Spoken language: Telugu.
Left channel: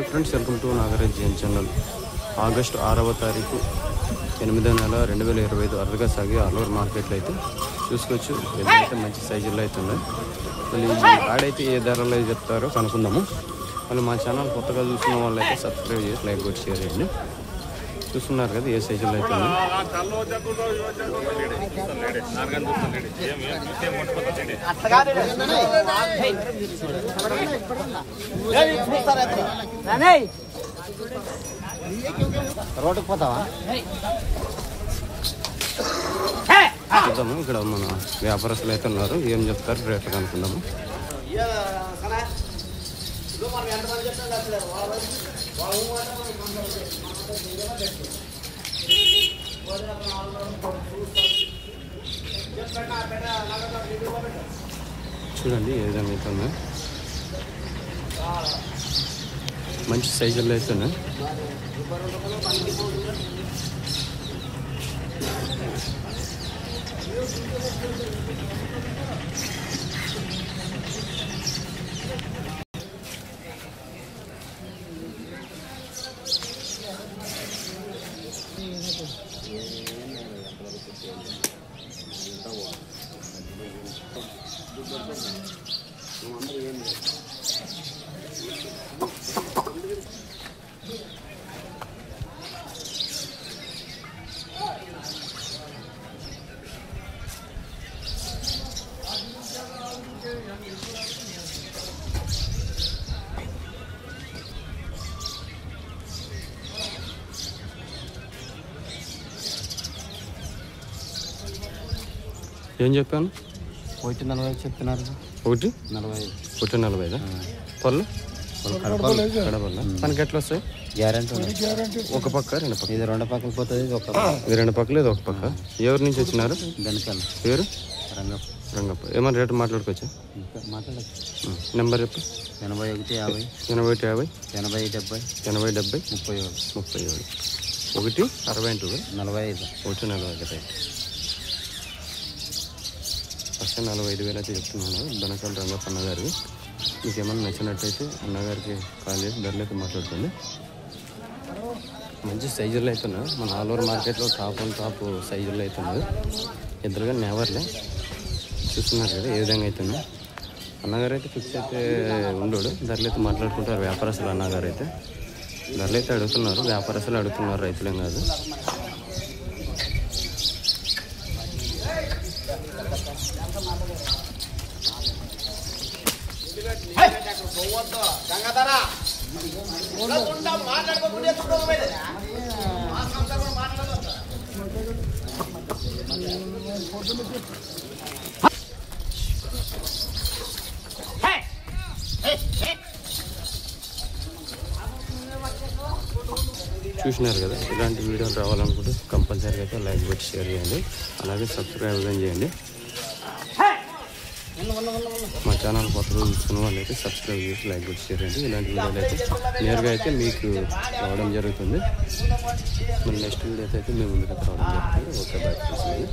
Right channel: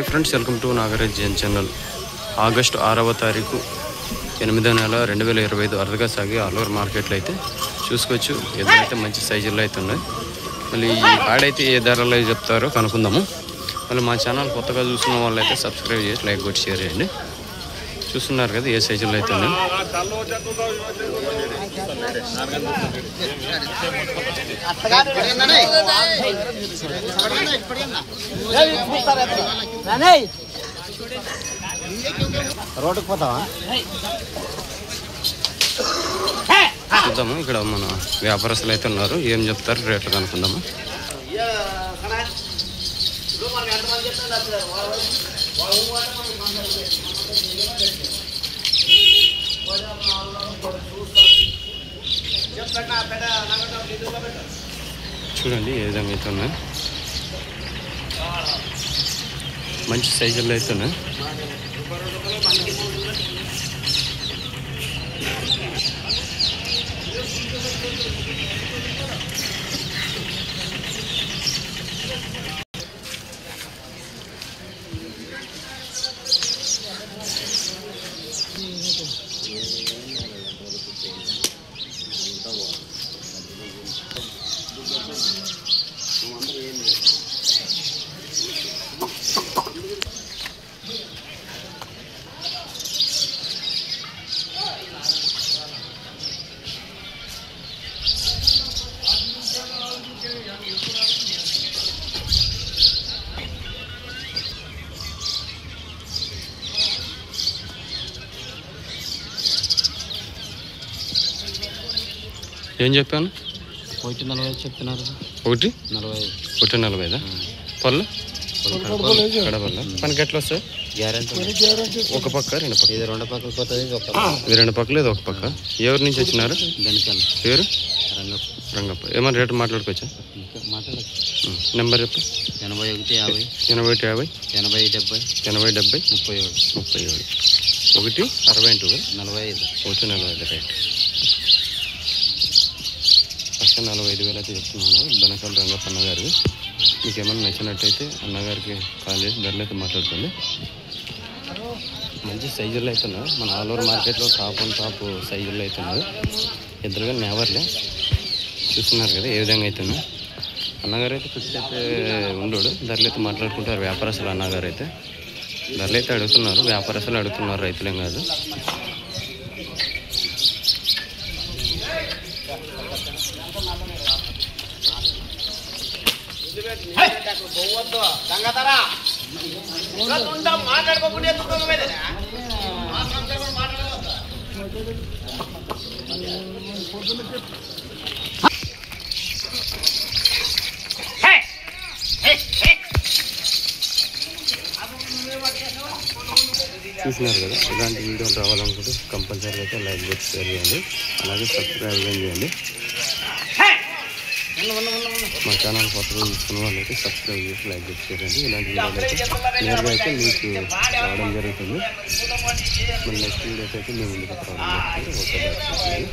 Hi friends, welcome to Nagaraj Jain channel. August 6వ తారీఖు 8వ నెల 2025 అరదగా సాగి ఆల్ఓవర్ మార్కెట్లో అయితే చూసుకోవచ్చు. ఎదురైతే మంచి సైజుల్లో అయితే ఉన్నాయి. మళ్ళీ ఈ ఆడైతే ఏ ధరలో చెప్తారో కనుక్కుందాము. మళ్ళీ మా ఛానల్ కొత్తగా చూస్తున్న వాళ్ళు అయితే సబ్స్క్రైబ్ చేసి లైక్ కొట్టి షేర్ చేయండి. చూస్తున్నారు కదా ఏ సైజుల్లో అయితే ఉన్నాయి. చూద్దాము. ఇక్కడ మన వ్యాపారస్తులు అయితే ఉన్నారు, ఏం చెప్తారు రేట్లు కనుక్కుందాము. చూడండి ఏ విధంగా అయితే ఉన్నాయి. మంచి సైజుల్లో అయితే ఉన్నాయి. ఏం చెప్పాను? 140 చెప్తున్నారు. 140 పళ్ళు కడపల్ల పనికి ఎట్లా వస్తాయి? గ్యారంటీ ఒక పక్క రెండు పక్క? ఇది రెండు పక్కలు పోతుంది. ఇది రెండు పక్కలు, ఇది ఒక పక్క. ఎవరి నుంచి వచ్చినారు? వెనకాల పేరు రంగప్ప. ఏమన్నా రేటు మాట్లాడుకోవచ్చా? ఇంకా మాట్లాడచ్చు. నెంబర్ చెప్పు. 81 50 81 50 80 70 80 70 37 1 62 45 145 రైట్. ఫస్ట్ 45,000 అయితే చెప్తున్నాను. బనకాల రంగప్ప అన్నగారికి. మీకు ఏమన్నా నచ్చినట్టయితే అన్నగారికి కాల్ చేసి ధరలు అయితే మాట్లాడుతుంది. మంచి సైజుల్లో అవుతున్నాయి. మన ఆల్ ఓవర్ మార్కెట్లో టాప్ అండ్ టాప్ సైజుల్లో అవుతున్నారు. ఎదురుగా నెవర్లే చూస్తున్నారు కదా ఏ విధంగా అవుతున్నాయి. అన్నగారు అయితే ఫిక్స్ అయితే ఉండడు. ధరలు అయితే మాట్లాడుకుంటారు వ్యాపారస్తులు. అన్నగారు అయితే ధరలు అయితే అడుగుతున్నారు, వ్యాపారస్తులు అడుగుతున్నారు, రైతులేం కాదు. చూసినారు కదా, ఇలాంటి వీడియోలు రావాలనుకుంటే కంపల్సరీగా అయితే లైక్ కొట్టి షేర్ చేయండి, అలాగే సబ్స్క్రైబ్ చేయండి. మా ఛానల్ కొత్తగా చూస్తున్న వాళ్ళు అయితే సబ్స్క్రైబ్ చేసి లైక్ చేసి షేర్ చేయండి. ఇలాంటి వీడియోలు అయితే నేరుగా అయితే మీకు రావడం జరుగుతుంది. మన నెక్స్ట్ వీడియోస్ అయితే మేము ముందుకు రావడం జరుగుతుంది. Okay, bye.